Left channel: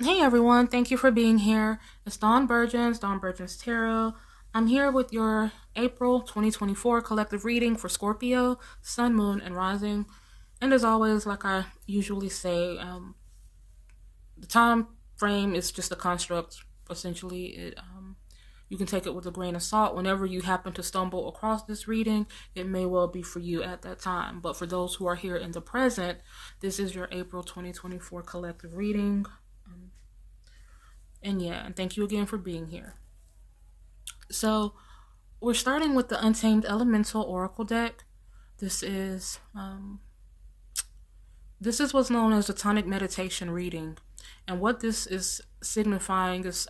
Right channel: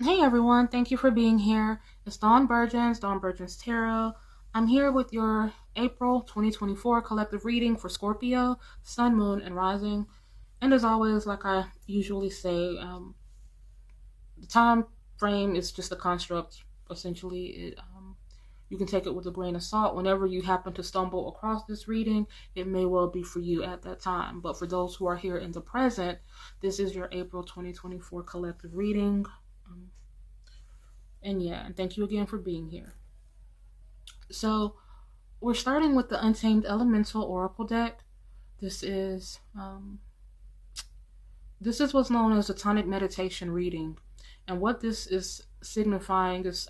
Hey everyone, thank you for being here. It's Dawn Burgeon's Tarot. I'm here with your April 2024 collective reading for Scorpio, Sun, Moon, and Rising. And as always, like I usually say, the time frame is just a construct. Essentially, you can take it with a grain of salt. Whenever you happen to stumble across this reading, it may well be for you at that time. But for those who are here in the present, this is your April 2024 collective reading. Um, and thank you again for being here. So, we're starting with the Untamed Elemental Oracle deck. This is um, this is what's known as the tonic meditation reading, and what this is signifying is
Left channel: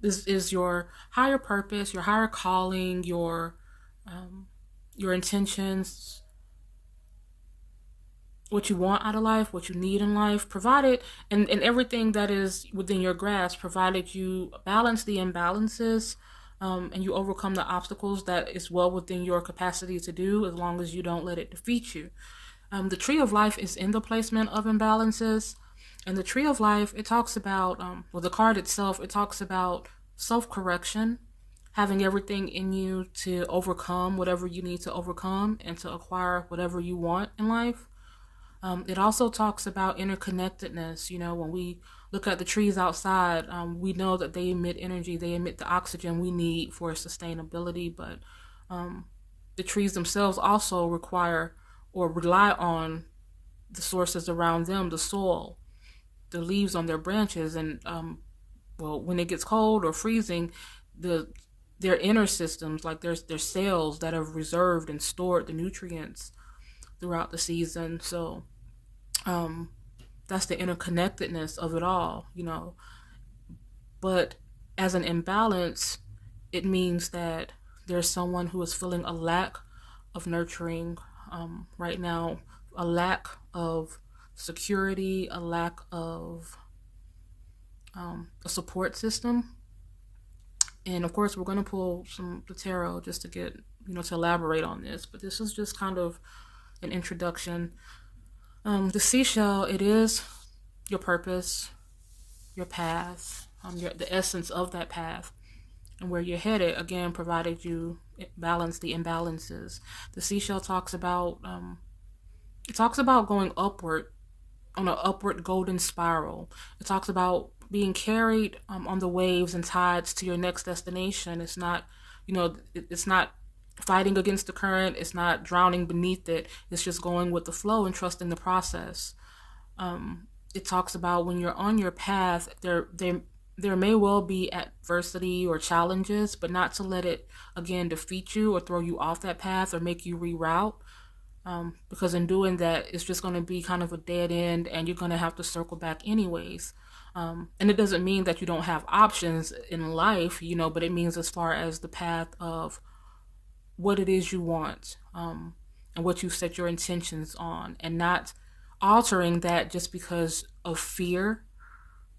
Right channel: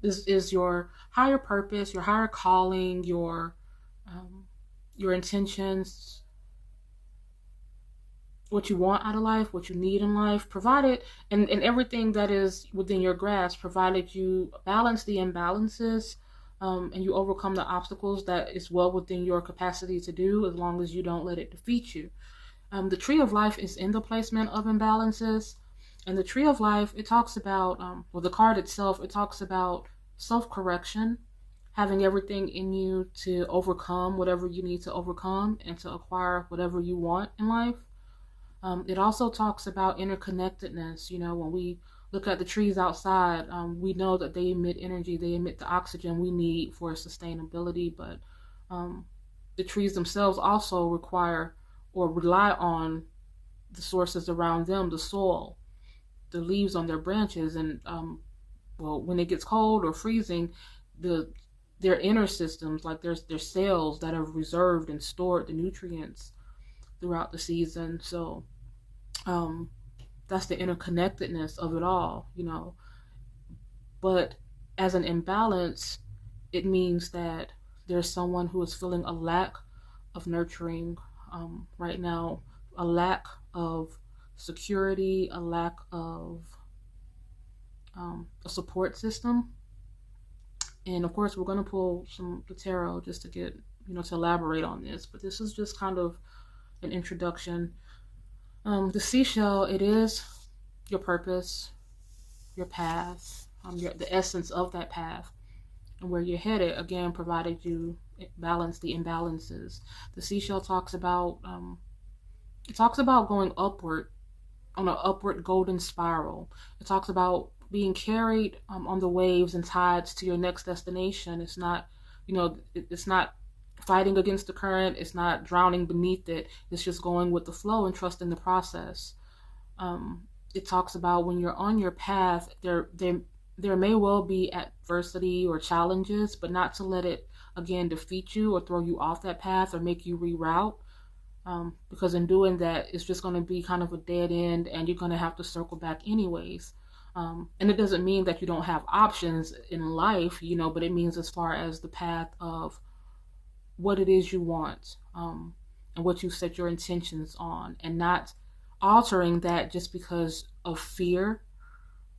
this is your higher purpose, your higher calling, um, your intentions, what you want out of life, what you need in life, provided and everything that is within your grasp, provided you balance the imbalances, and you overcome the obstacles that is well within your capacity to do, as long as you don't let it defeat you. The tree of life is in the placement of imbalances, and the tree of life, it talks about, well, the card itself, it talks about self correction, having everything in you to overcome whatever you need to overcome and to acquire whatever you want in life. It also talks about interconnectedness. You know, when we look at the trees outside, we know that they emit energy, they emit the oxygen we need for sustainability, but um, the trees themselves also require or rely on the sources around them, the soil, the leaves on their branches, and well, when it gets cold or freezing, the their inner systems, like their cells that have reserved and stored the nutrients throughout the season. So um, that's the interconnectedness of it all, you know. But as an imbalance, it means that there's someone who is feeling a lack of nurturing right now, a lack of security, a lack of a support system. And of course, we're going to pull some the tarot just to get, to elaborate on this. But this is just kind of an introduction. The seashell, it is your purpose, your path, the essence of that path, and where you're headed. Again, provided you balance the imbalances. The seashell talks about going upward on an upward golden spiral. It talks about being carried on the waves and tides to your next destination. It's not, it's not fighting against the current. It's not drowning beneath it. It's just going with the flow and trusting the process. It talks about when you're on your path, there may well be adversity or challenges, but not to let it again defeat you or throw you off that path or make you reroute. Because in doing that, it's just going to be kind of a dead end, and you're going to have to circle back anyways. And it doesn't mean that you don't have options in life, but it means as far as the path of what it is you want, and what you set your intentions on, and not altering that just because of fear.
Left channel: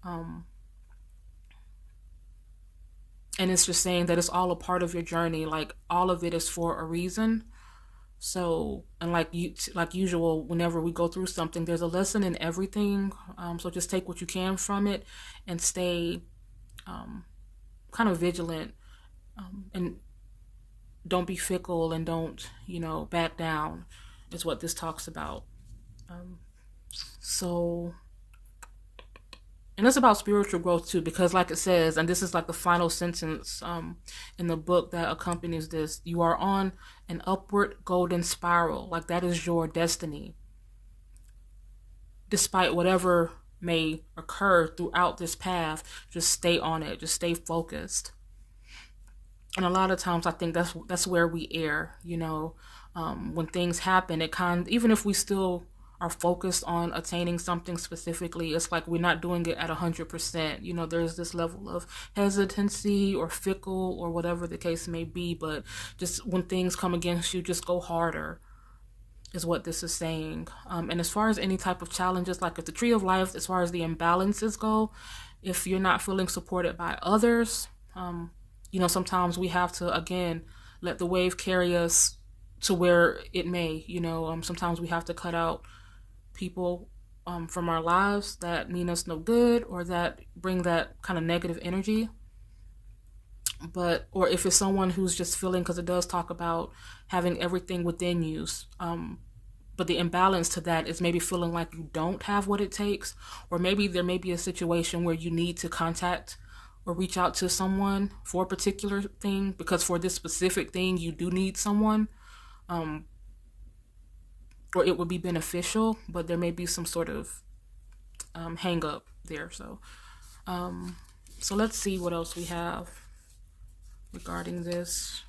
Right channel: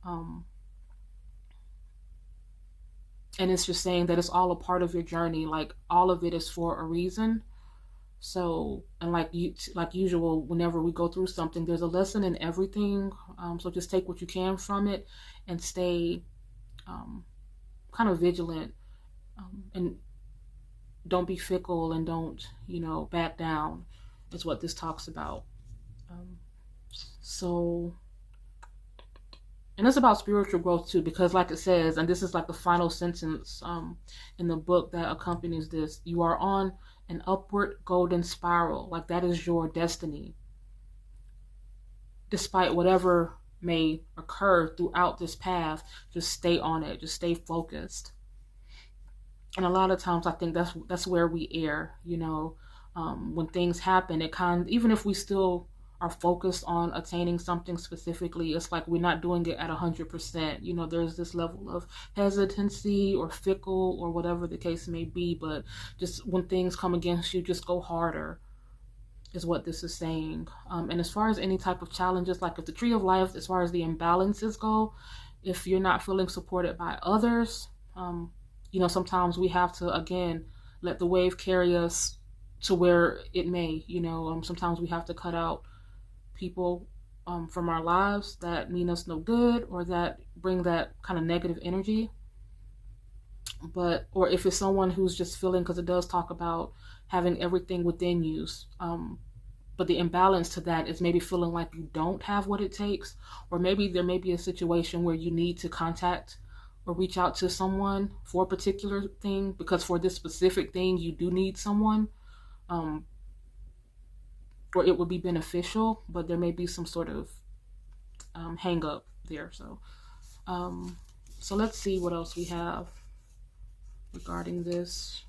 Um, and it's just saying that it's all a part of your journey. Like, all of it is for a reason. So, and like usual, whenever we go through something, there's a lesson in everything. So just take what you can from it and stay kind of vigilant, and don't be fickle, and don't, back down, is what this talks about. Um, so, and it's about spiritual growth too, because like it says, and this is like the final sentence in the book that accompanies this: you are on an upward golden spiral. Like, that is your destiny. Despite whatever may occur throughout this path, just stay on it. Just stay focused. And a lot of times, I think that's where we err. When things happen, it even if we still are focused on attaining something specifically, it's like we're not doing it at 100%. There's this level of hesitancy or fickle or whatever the case may be, but just when things come against you, just go harder, is what this is saying. And as far as any type of challenges, like if the tree of life, as far as the imbalances go, if you're not feeling supported by others, sometimes we have to, again, let the wave carry us to where it may. Sometimes we have to cut out people from our lives that mean us no good or that bring that kind of negative energy. But, or if it's someone who's just feeling, because it does talk about having everything within you, but the imbalance to that is maybe feeling like you don't have what it takes, or maybe there may be a situation where you need to contact or reach out to someone for a particular thing, because for this specific thing you do need someone, um, or it would be beneficial, but there may be some sort of hang up there. Um, so let's see what else we have regarding this.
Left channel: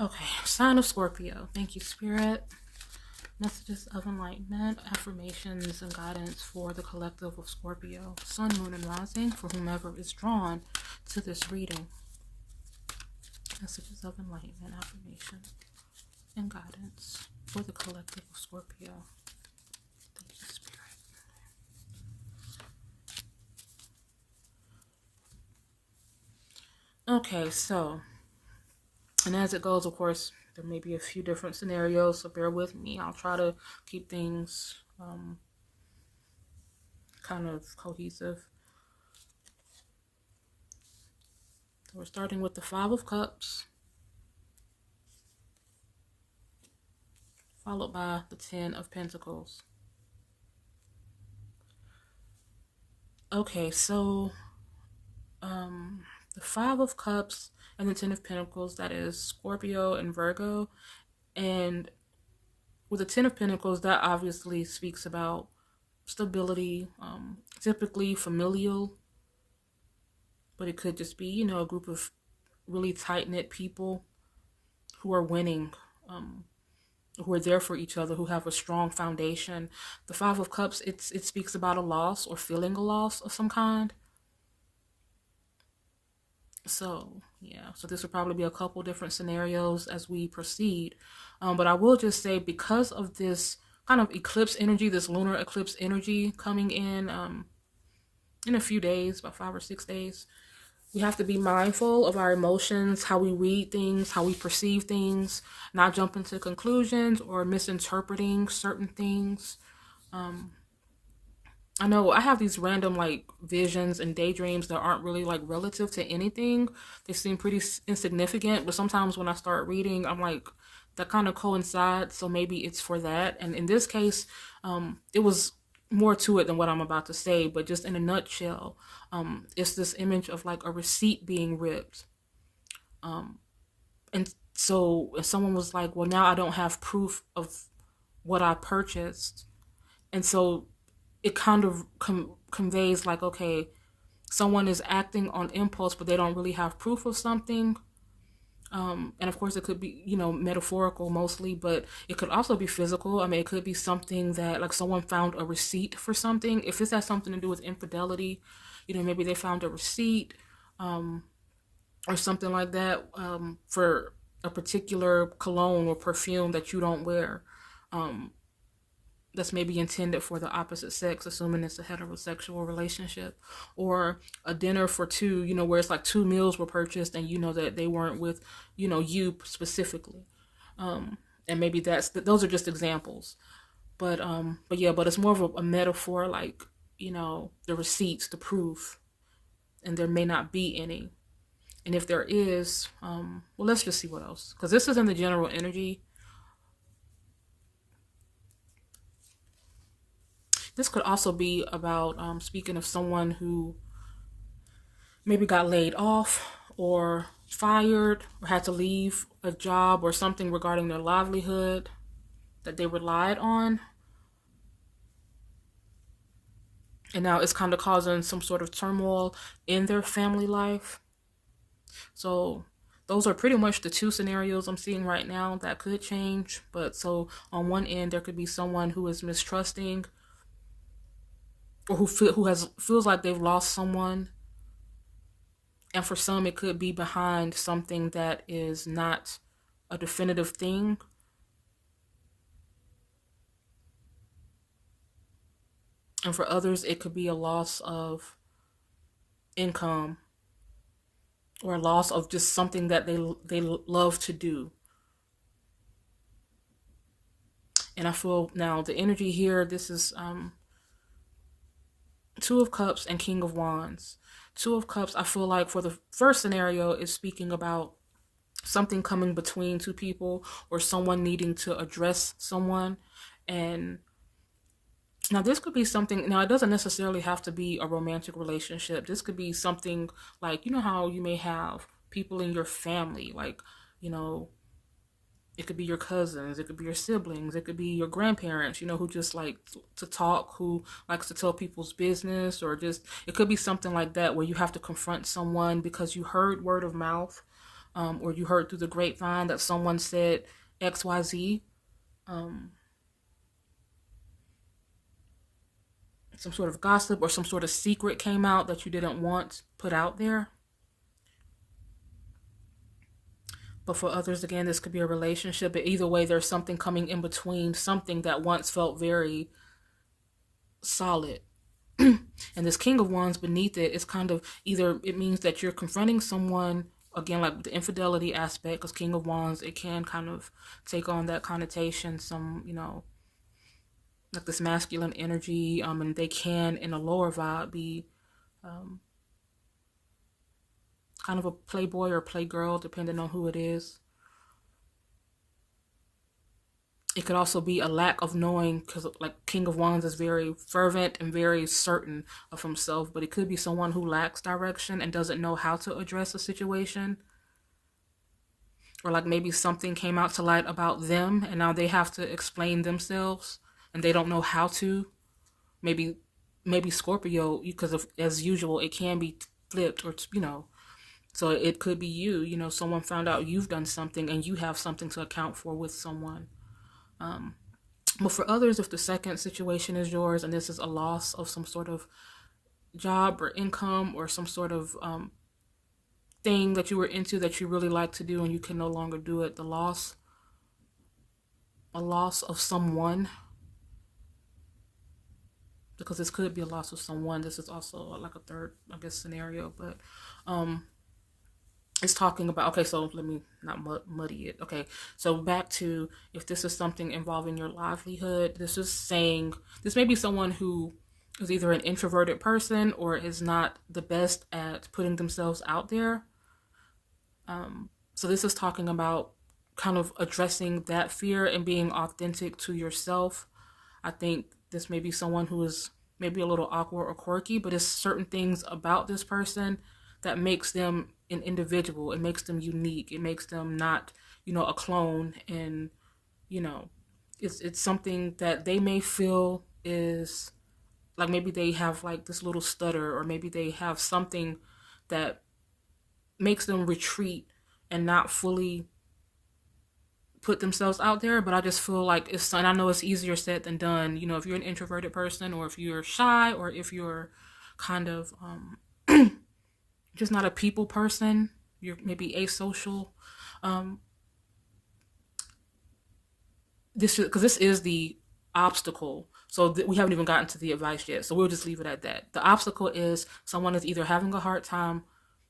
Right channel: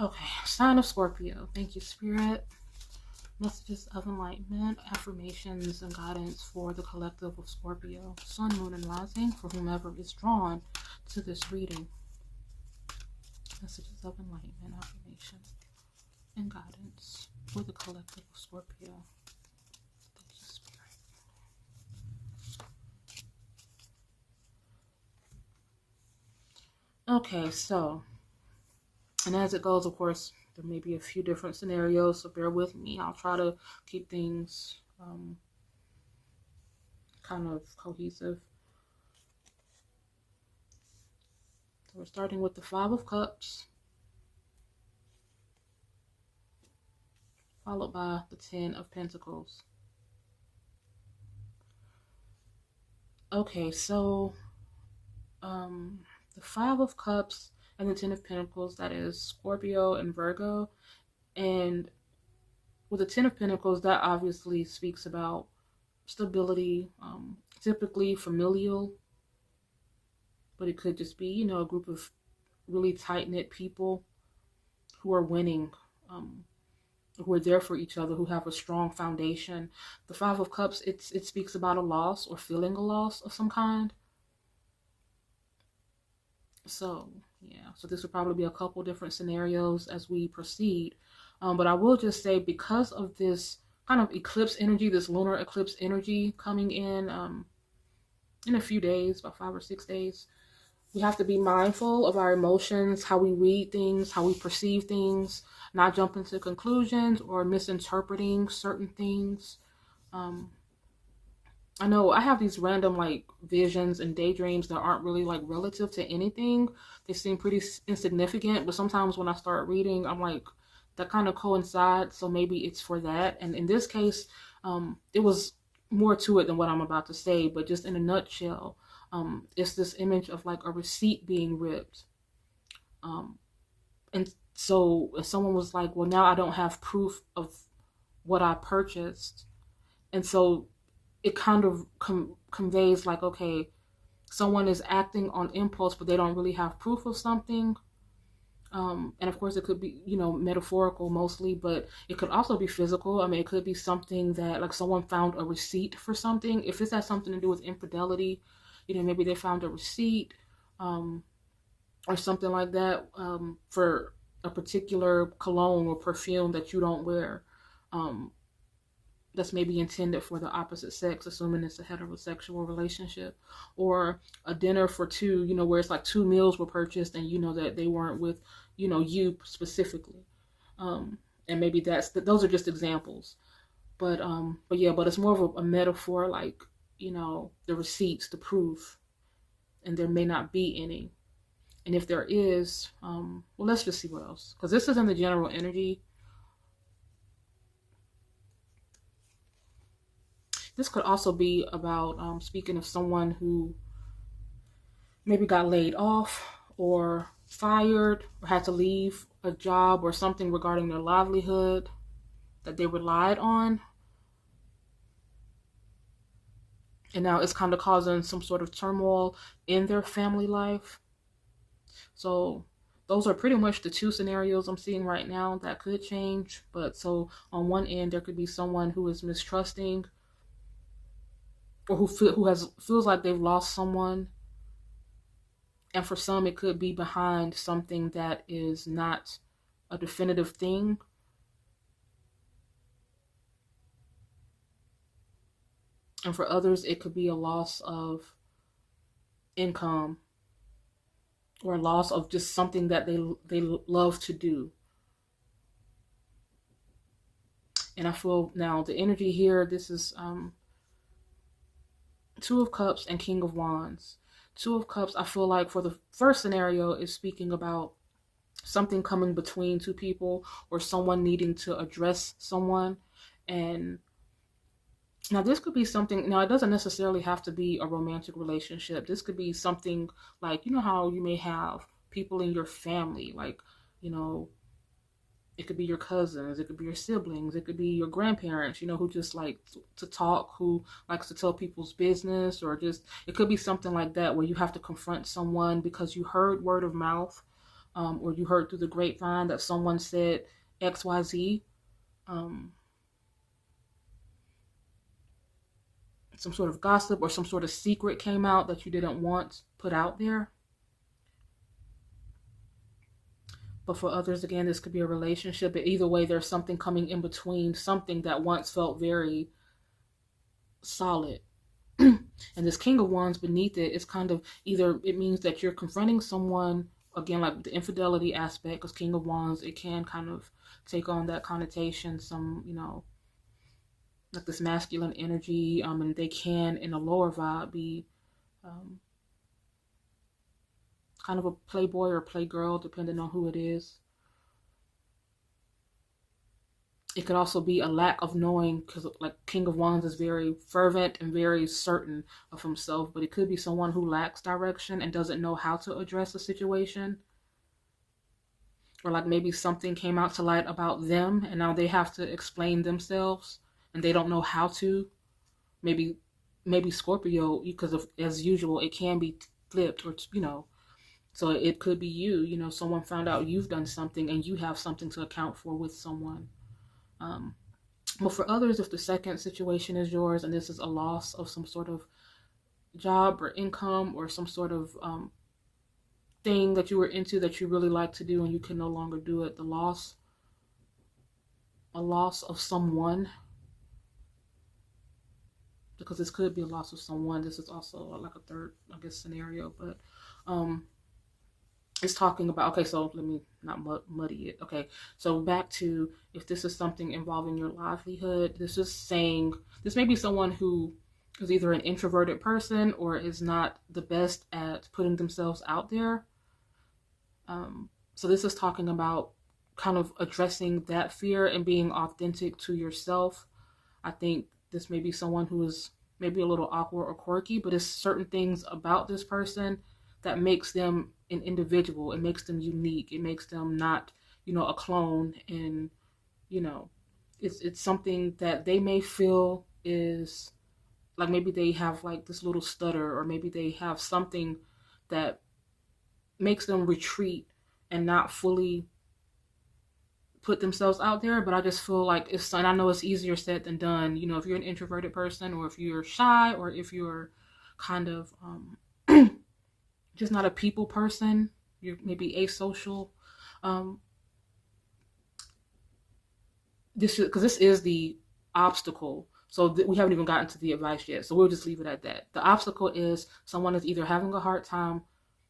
Okay, sign of Scorpio. Thank you, Spirit. Messages of enlightenment, affirmations, and guidance for the collective of Scorpio, Sun, Moon, and Rising, for whomever is drawn to this reading. Messages of enlightenment, affirmation, and guidance for the collective of Scorpio. Thank you, Spirit. Okay, so, and as it goes, of course, there may be a few different scenarios, so bear with me. I'll try to keep things kind of cohesive. So we're starting with the Five of Cups, followed by the Ten of Pentacles. Okay, so the Five of Cups and the Ten of Pentacles, that is Scorpio and Virgo. And with the Ten of Pentacles, that obviously speaks about stability, typically familial, but it could just be, you know, a group of really tight-knit people who are winning, who are there for each other, who have a strong foundation. The Five of Cups, it speaks about a loss or feeling a loss of some kind. So, yeah, so this would probably be a couple different scenarios as we proceed. But I will just say, because of this kind of eclipse energy, this lunar eclipse energy coming in a few days, about 5 or 6 days, we have to be mindful of our emotions, how we read things, how we perceive things, not jumping to conclusions or misinterpreting certain things. I know I have these random like visions and daydreams that aren't really like relative to anything. They seem pretty insignificant, but sometimes when I start reading, I'm like, that kind of coincides, so maybe it's for that. And in this case, it was more to it than what I'm about to say, but just in a nutshell, it's this image of like a receipt being ripped. And so if someone was like, well, now I don't have proof of what I purchased. And so it kind of conveys like, okay, someone is acting on impulse, but they don't really have proof of something. And of course, it could be, you know, metaphorical mostly, but it could also be physical. I mean, it could be something that, like, someone found a receipt for something. If this has something to do with infidelity, you know, maybe they found a receipt or something like that for a particular cologne or perfume that you don't wear. That's maybe intended for the opposite sex, assuming it's a heterosexual relationship, or a dinner for two, you know, where it's like 2 meals were purchased and you know that they weren't with, you know, you specifically. And maybe those are just examples. But yeah, but it's more of a metaphor, like, you know, the receipts, the proof, and there may not be any. And if there is, well, let's just see what else, because this is in the general energy. This could also be about speaking of someone who maybe got laid off or fired or had to leave a job or something regarding their livelihood that they relied on. And now it's kind of causing some sort of turmoil in their family life. So those are pretty much the two scenarios I'm seeing right now that could change. But so on one end, there could be someone who is mistrusting, or who feels like they've lost someone, and for some it could be behind something that is not a definitive thing. And for others, it could be a loss of income or a loss of just something that they love to do. And I feel now the energy here, this is Two of Cups and King of Wands. Two of Cups, I feel like for the first scenario is speaking about something coming between two people or someone needing to address someone. And now this could be something, now it doesn't necessarily have to be a romantic relationship. This could be something like, you know how you may have people in your family, like, you know, it could be your cousins, it could be your siblings, it could be your grandparents, you know, who just like to talk, who likes to tell people's business, or just, it could be something like that where you have to confront someone because you heard word of mouth, or you heard through the grapevine that someone said XYZ, um, some sort of gossip or some sort of secret came out that you didn't want put out there. But for others, again, this could be a relationship. But either way, there's something coming in between, something that once felt very solid. And this King of Wands beneath it is kind of either it means that you're confronting someone, again, like the infidelity aspect, because King of Wands, it can kind of take on that connotation, some, you know, like this masculine energy, and they can, in a lower vibe, be um, kind of a playboy or playgirl, depending on who it is. It could also be a lack of knowing, because like King of Wands is very fervent and very certain of himself, but it could be someone who lacks direction and doesn't know how to address a situation, or like maybe something came out to light about them and now they have to explain themselves and they don't know how to. Maybe Scorpio, because of, as usual, it can be flipped, or you know, so it could be you, you know, someone found out you've done something and you have something to account for with someone. um, but for others, if the second situation is yours and this is a loss of some sort of job or income or some sort of thing that you were into that you really like to do and you can no longer do it, the loss, a loss of someone, because this could be a loss of someone. This is also like a third, I guess, scenario, but um, it's talking about, okay, so let me not muddy it. Okay, so back to, if this is something involving your livelihood, this is saying this may be someone who is either an introverted person or is not the best at putting themselves out there. So this is talking about kind of addressing that fear and being authentic to yourself. I think this may be someone who is maybe a little awkward or quirky, but it's certain things about this person that makes them an individual. It makes them unique. It makes them not, you know, a clone. And, you know, it's something that they may feel is like, maybe they have like this little stutter, or maybe they have something that makes them retreat and not fully put themselves out there. But I just feel like it's, and I know it's easier said than done, you know, if you're an introverted person, or if you're shy, or if you're kind of just not a people person, you're maybe asocial. Um, this is because this is the obstacle. So we haven't even gotten to the advice yet. So we'll just leave it at that. The obstacle is someone is either having a hard time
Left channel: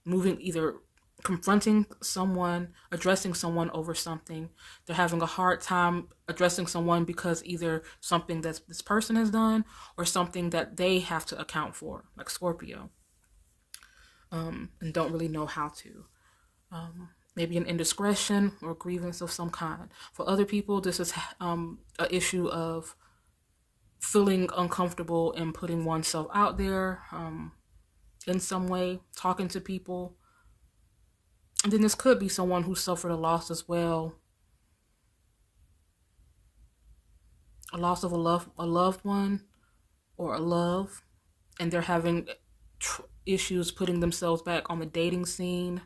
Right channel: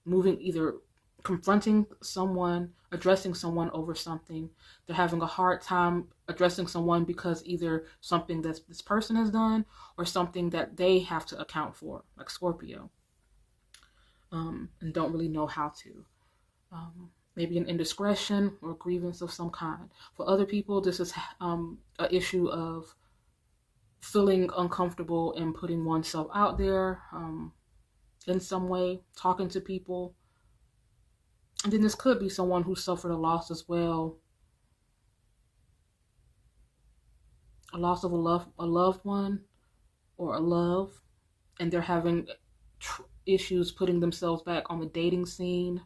moving, either confronting someone, addressing someone over something. They're having a hard time addressing someone because either something that this person has done or something that they have to account for, like Scorpio, and don't really know how to. Maybe an indiscretion or grievance of some kind. For other people, this is an issue of feeling uncomfortable and putting oneself out there in some way, talking to people. And then this could be someone who suffered a loss as well, a loss of a loved one, or a love, and they're having issues putting themselves back on the dating scene,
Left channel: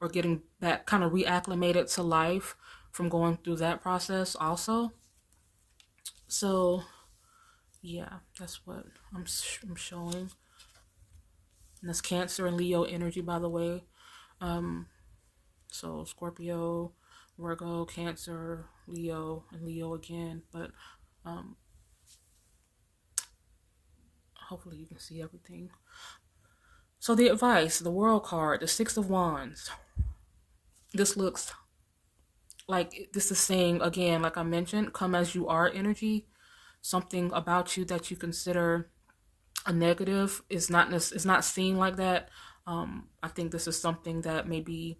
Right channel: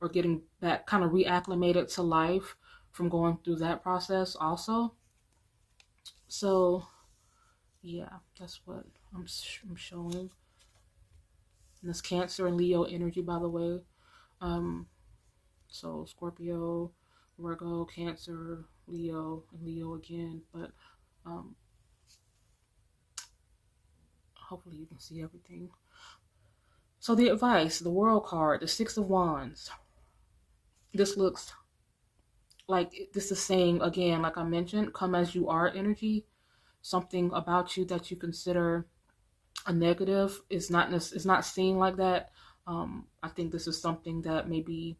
or getting back kind of reacclimated to life from going through that process also. So yeah, that's what I'm showing. And that's Cancer and Leo energy, by the way. So Scorpio, Virgo, Cancer, Leo, and Leo again. But hopefully you can see everything. So the advice, the World card, the Six of Wands. This looks like this is saying again, like I mentioned, come as you are energy. Something about you that you consider a negative is not seen like that. I think this is something that maybe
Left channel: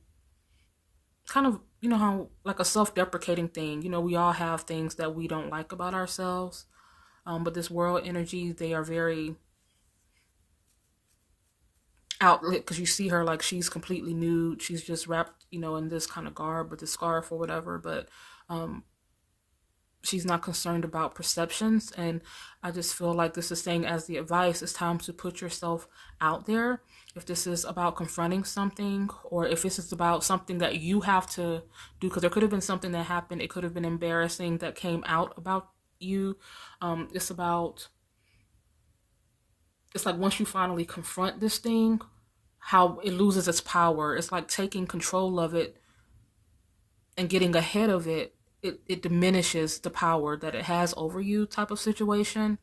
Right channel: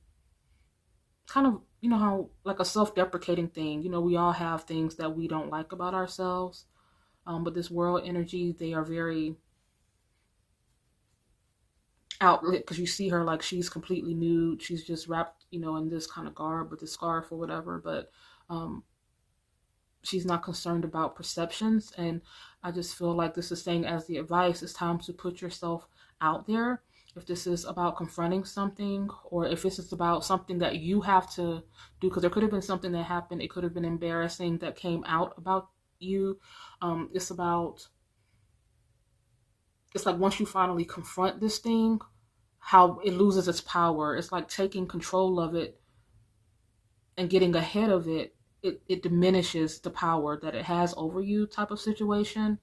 kind of, you know, how like a self-deprecating thing. You know, we all have things that we don't like about ourselves. But this world energy, they are very outlet because you see her like she's completely nude. She's just wrapped, you know, in this kind of garb with the scarf or whatever. But um, she's not concerned about perceptions. And I just feel like this is saying, as the advice, it's time to put yourself out there. If this is about confronting something, or if this is about something that you have to do, because there could have been something that happened, it could have been embarrassing that came out about you. It's about, it's like once you finally confront this thing, how it loses its power. It's like taking control of it and getting ahead of it. It diminishes the power that it has over you, type of situation.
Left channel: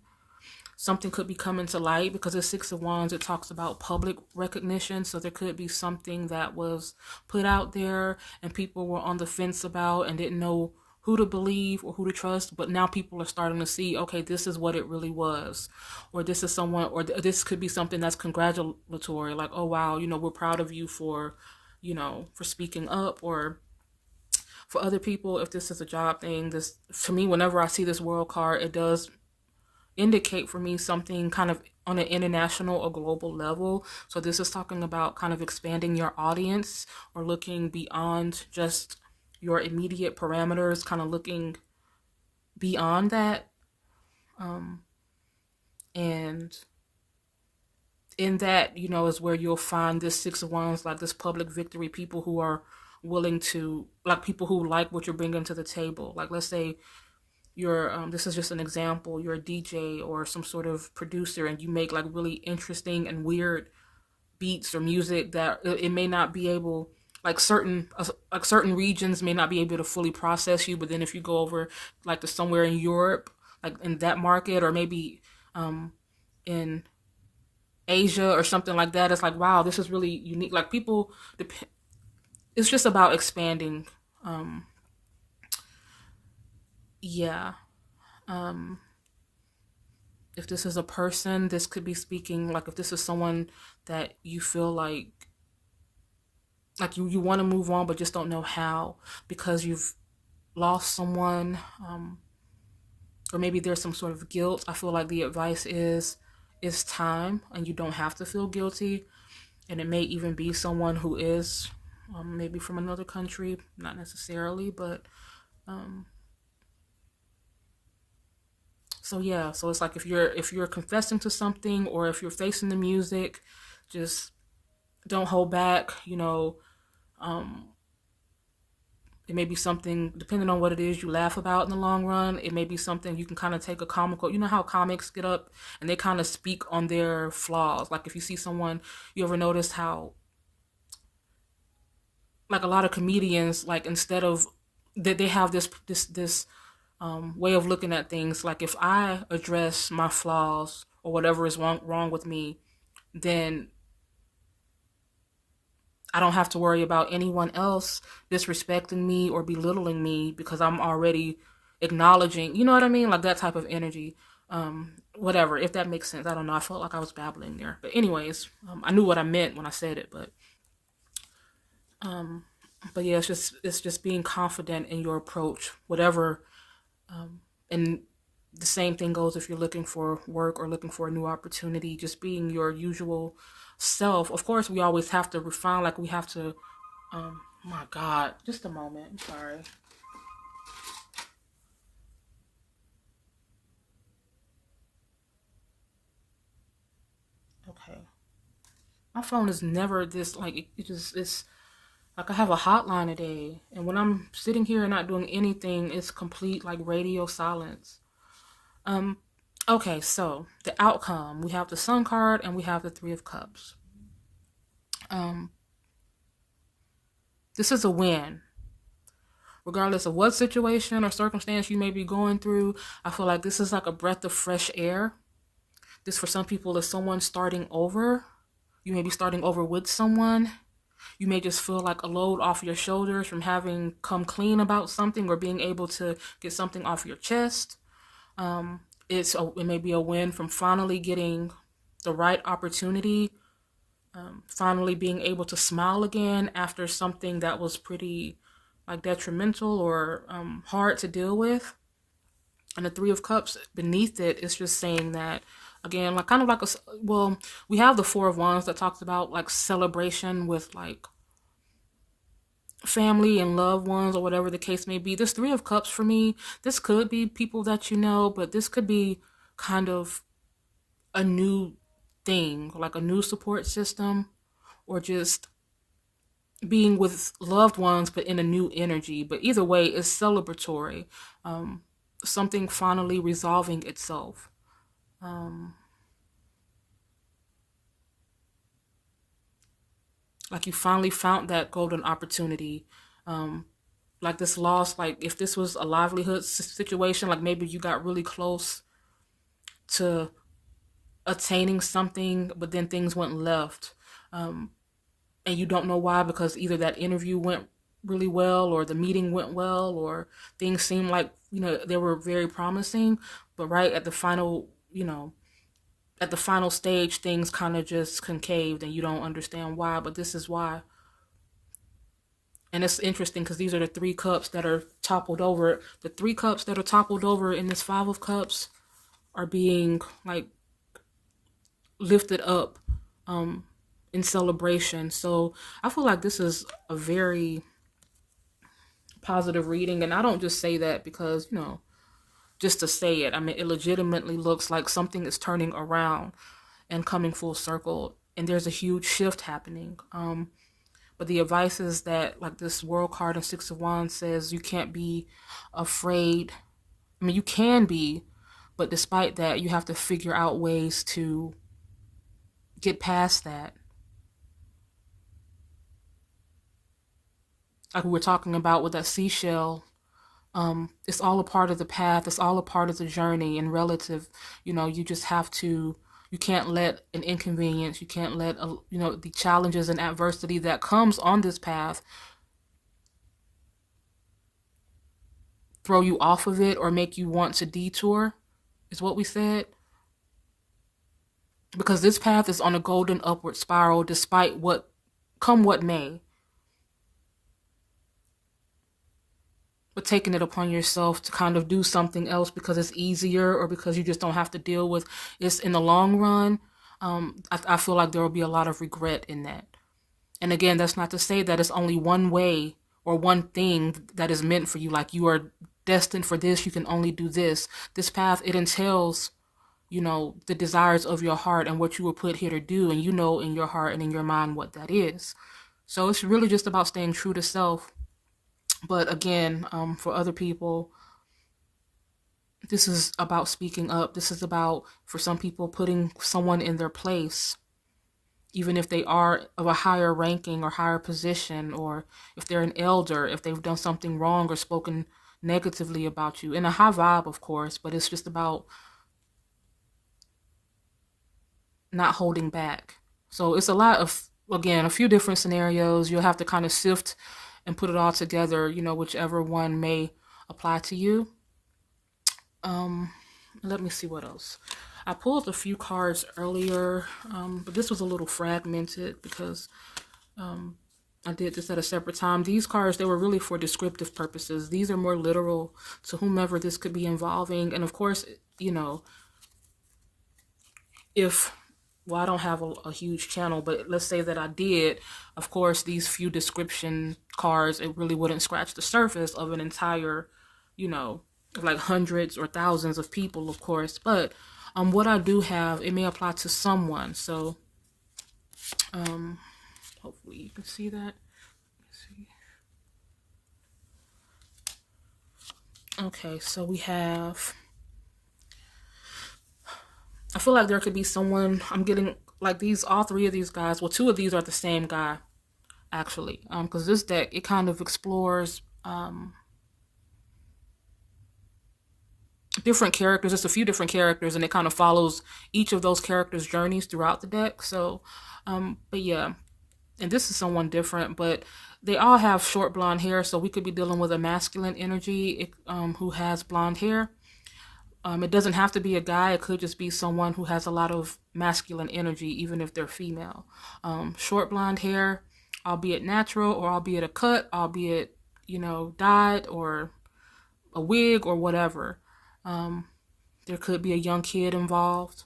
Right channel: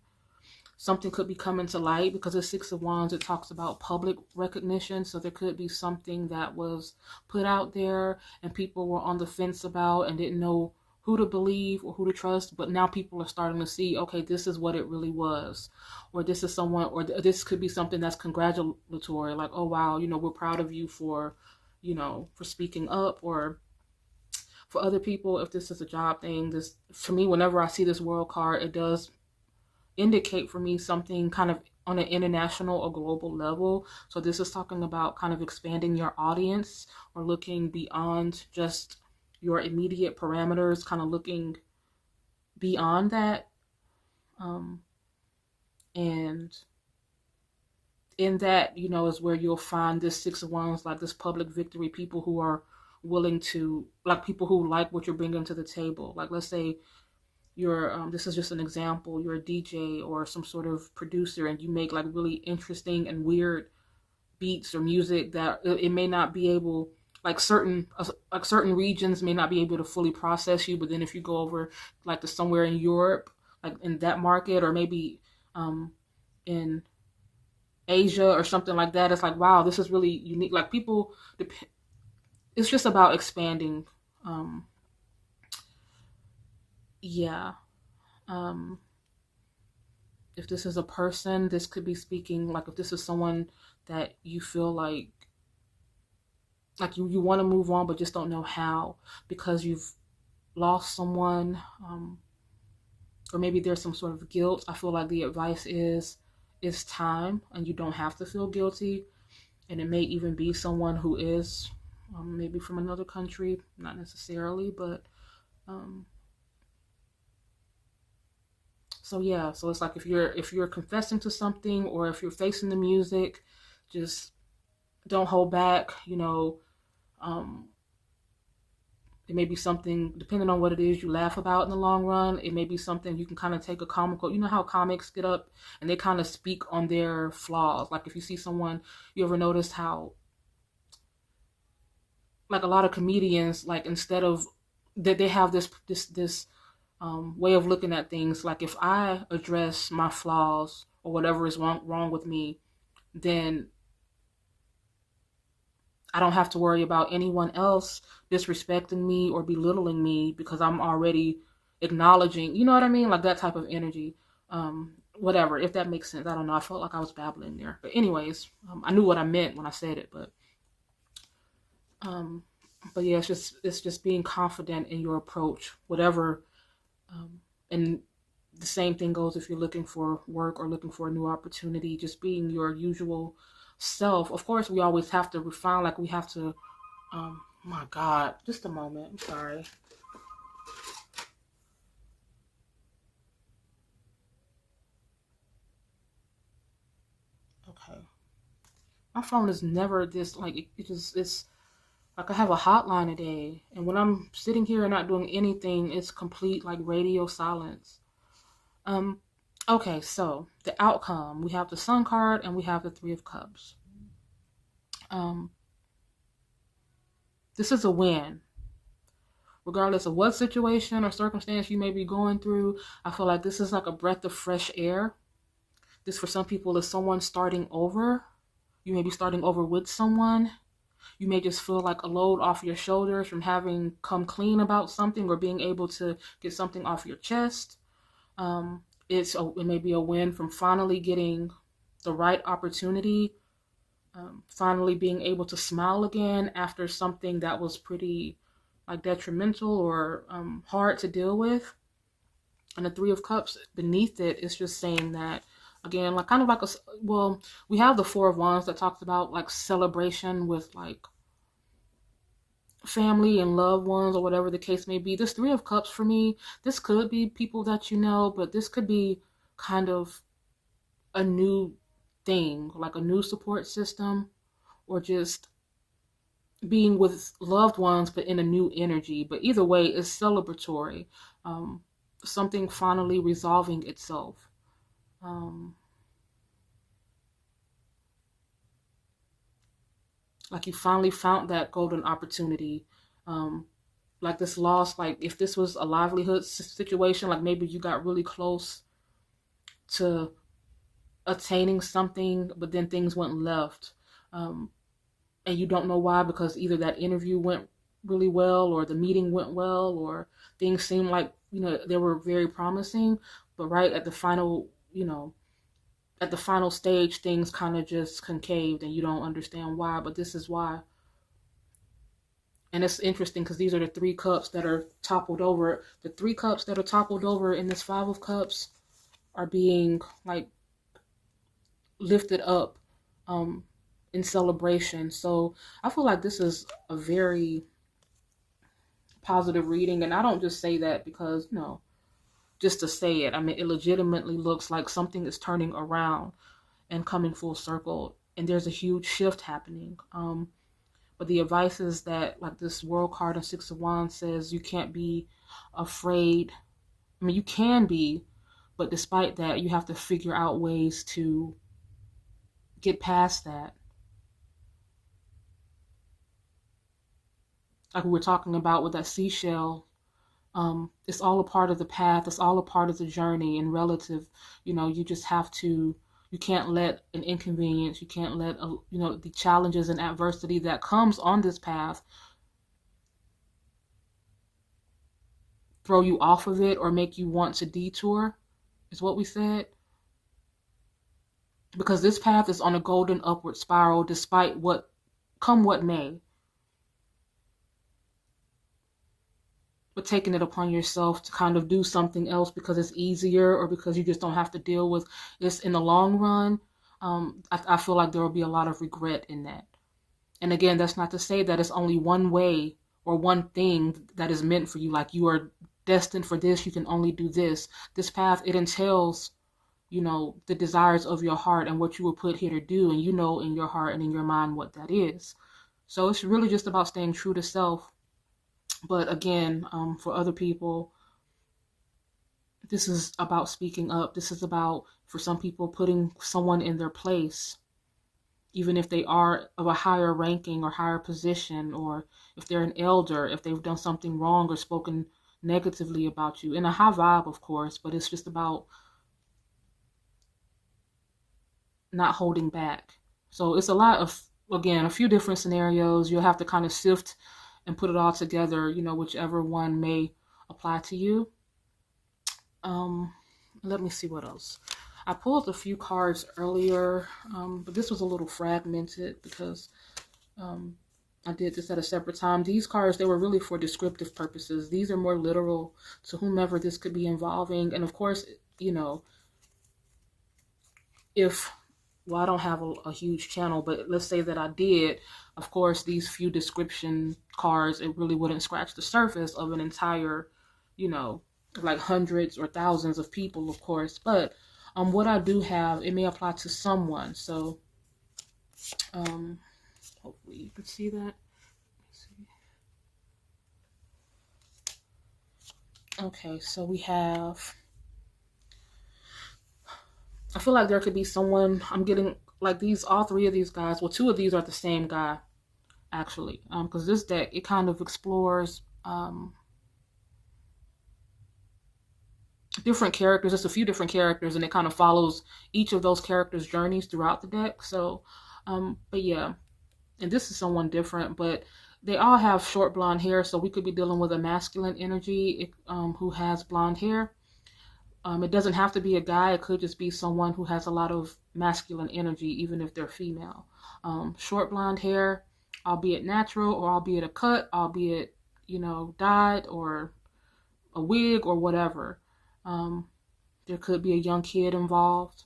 Something could be coming to light because the Six of Wands, it talks about public recognition. So there could be something that was put out there and people were on the fence about and didn't know who to believe or who to trust. But now people are starting to see, okay, this is what it really was. Or this is someone, or this could be something that's congratulatory. Like, oh, wow, you know, we're proud of you for, you know, for speaking up. Or for other people, if this is a job thing, this, for me, whenever I see this world card, it does indicate for me something kind of on an international or global level. So this is talking about kind of expanding your audience or looking beyond just your immediate parameters, kind of looking beyond that. Um, and in that, you know, is where you'll find this Six of Wands, like this public victory, people who are willing to, like people who like what you're bringing to the table. Like, let's say you're this is just an example, you're a DJ or some sort of producer and you make like really interesting and weird beats or music that it may not be able, like certain regions may not be able to fully process you. But then if you go over like to somewhere in Europe, like in that market, or maybe in Asia or something like that, it's like, wow, this is really unique. Like people, it's just about expanding. um yeah. um if this is a person, this could be speaking, like if this is someone that you feel like you want to move on but just don't know how because you've lost someone, or maybe there's some sort of guilt. I feel like the advice is it's time and you don't have to feel guilty. And it may even be someone who is maybe from another country, not necessarily, but um, so yeah. So it's like if you're confessing to something or if you're facing the music, just don't hold back. You know, um, it may be something, depending on what it is you laugh about in the long run. It may be something you can kind of take a comical, you know how comics get up and they kind of speak on their flaws. Like if you see someone, you ever notice how, like a lot of comedians, like instead of that they have this way of looking at things. Like if I address my flaws or whatever is wrong with me, then I don't have to worry about anyone else disrespecting me or belittling me because I'm already acknowledging, you know what I mean? Like that type of energy. Whatever, if that makes sense. I don't know. I felt like I was babbling there. But anyways, I knew what I meant when I said it, um but yeah, it's just being confident in your approach, whatever. And the same thing goes if you're looking for work or looking for a new opportunity, just being your usual self. Of course, we always have to refine, like we have to, my God, just a moment. I'm sorry. Okay. My phone is never this, like, it just, it's like I have a hotline today. And when I'm sitting here and not doing anything, it's complete, like, radio silence. Um, okay, so the outcome, we have the Sun card and we have the Three of Cups. Um, this is a win. Regardless of what situation or circumstance you may be going through, I feel like this is like a breath of fresh air. This for some people is someone starting over. You may be starting over with someone. You may just feel like a load off your shoulders from having come clean about something or being able to get something off your chest. It may be a win from finally getting the right opportunity, finally being able to smile again after something that was pretty like detrimental or hard to deal with. And the Three of Cups beneath it is just saying that again, like kind of like well, we have the Four of Wands that talks about like celebration with like family and loved ones or whatever the case may be. This Three of Cups for me, this could be people that you know, but this could be kind of a new thing, like a new support system, or just being with loved ones but in a new energy. But either way, it's celebratory. Something finally resolving itself. Like you finally found that golden opportunity. Like this loss, like if this was a livelihood situation, like maybe you got really close to attaining something, but then things went left. And you don't know why, because either that interview went really well or the meeting went well or things seemed like, they were very promising, but right at the final, at the final stage, things kind of just concaved and you don't understand why, but this is why. And it's interesting because these are the three cups that are toppled over. The three cups that are toppled over in this Five of Cups are being like lifted up in celebration. So I feel like this is a very positive reading. And I don't just say that because, just to say it. I mean, it legitimately looks like something is turning around and coming full circle. And there's a huge shift happening. But the advice is that, like this World card of Six of Wands says, you can't be afraid. I mean, you can be, but despite that, you have to figure out ways to get past that. Like we were talking about with that seashell, it's all a part of the path. It's all a part of the journey and relative. You just have to, you can't let an inconvenience, you can't let, the challenges and adversity that comes on this path throw you off of it or make you want to detour, is what we said. Because this path is on a golden upward spiral despite what may. But taking it upon yourself to kind of do something else because it's easier or because you just don't have to deal with this in the long run, I feel like there will be a lot of regret in that. And again, that's not to say that it's only one way or one thing that is meant for you. Like you are destined for this, you can only do this. This path, it entails, the desires of your heart and what you were put here to do. And in your heart and in your mind what that is. So it's really just about staying true to self. But again, for other people, this is about speaking up. This is about, for some people, putting someone in their place, even if they are of a higher ranking or higher position, or if they're an elder, if they've done something wrong or spoken negatively about you. In a high vibe, of course, but it's just about not holding back. So it's a lot of, again, a few different scenarios. You'll have to kind of sift and put it all together, whichever one may apply to you. Let me see what else. I pulled a few cards earlier, but this was a little fragmented because I did this at a separate time. These cards, they were really for descriptive purposes. These are more literal to whomever this could be involving. And of course, well, I don't have a huge channel, but let's say that I did. Of course, these few description cards, it really wouldn't scratch the surface of an entire, like hundreds or thousands of people, of course. But what I do have, it may apply to someone. So hopefully you can see that. Let's see. Okay, so we have, I feel like there could be someone, I'm getting like these, all three of these guys, well, two of these are the same guy, actually, because this deck, it kind of explores different characters, just a few different characters, and it kind of follows each of those characters' journeys throughout the deck. So, but yeah, and this is someone different, but they all have short blonde hair, so we could be dealing with a masculine energy who has blonde hair. It doesn't have to be a guy. It could just be someone who has a lot of masculine energy, even if they're female. Short blonde hair, albeit natural, or albeit a cut, albeit, dyed, or a wig, or whatever. There could be a young kid involved.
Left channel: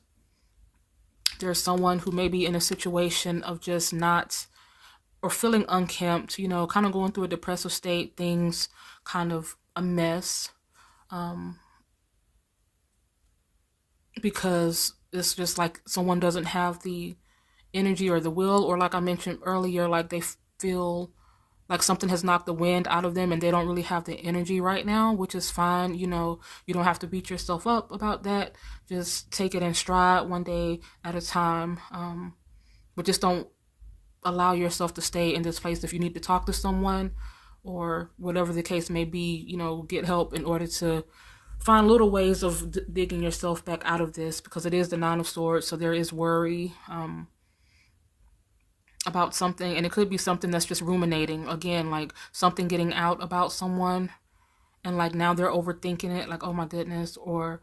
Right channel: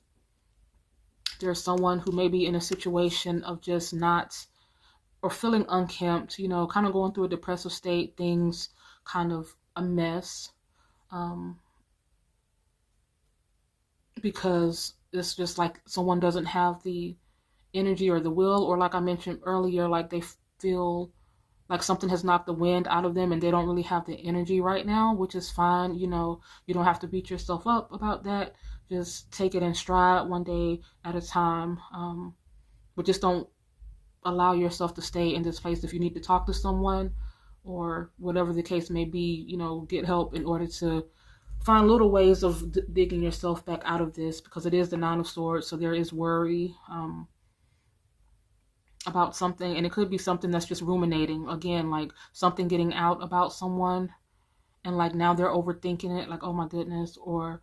There's someone who may be in a situation of just not, or feeling unkempt, kind of going through a depressive state, things kind of a mess. Because it's just like someone doesn't have the energy or the will, or like I mentioned earlier, like they feel like something has knocked the wind out of them and they don't really have the energy right now, which is fine. You don't have to beat yourself up about that. Just take it in stride, one day at a time. But just don't allow yourself to stay in this place. If you need to talk to someone or whatever the case may be, get help in order to find little ways of digging yourself back out of this, because it is the Nine of Swords, so there is worry about something, and it could be something that's just ruminating, again, like something getting out about someone, and like now they're overthinking it, like, oh my goodness, or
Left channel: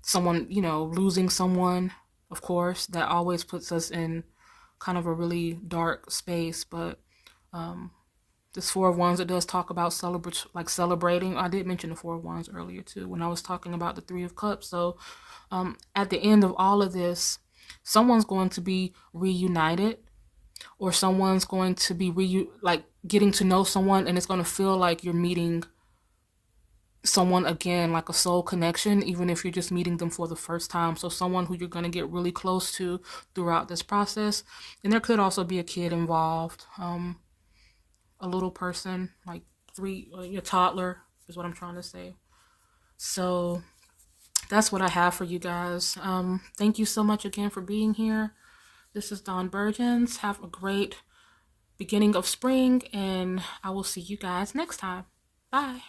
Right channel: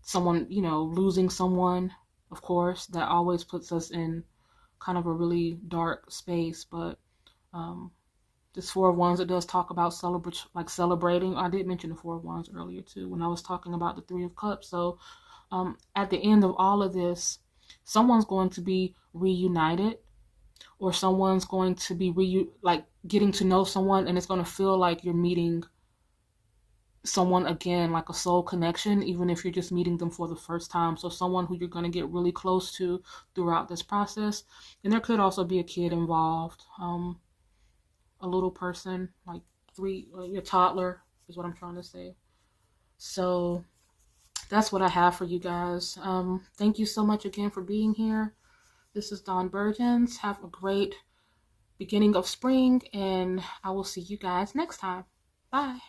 someone, losing someone. Of course, that always puts us in kind of a really dark space. But this Four of Wands, it does talk about celebrating. I did mention the Four of Wands earlier too when I was talking about the Three of Cups. So at the end of all of this, someone's going to be reunited, or someone's going to be getting to know someone, and it's going to feel like you're meeting someone again, like a soul connection, even if you're just meeting them for the first time. So someone who you're going to get really close to throughout this process. And there could also be a kid involved, a little person, like your toddler is what I'm trying to say. So that's what I have for you guys. Thank you so much again for being here. This is Dawn Burgeons. Have a great beginning of spring, and I will see you guys next time. Bye.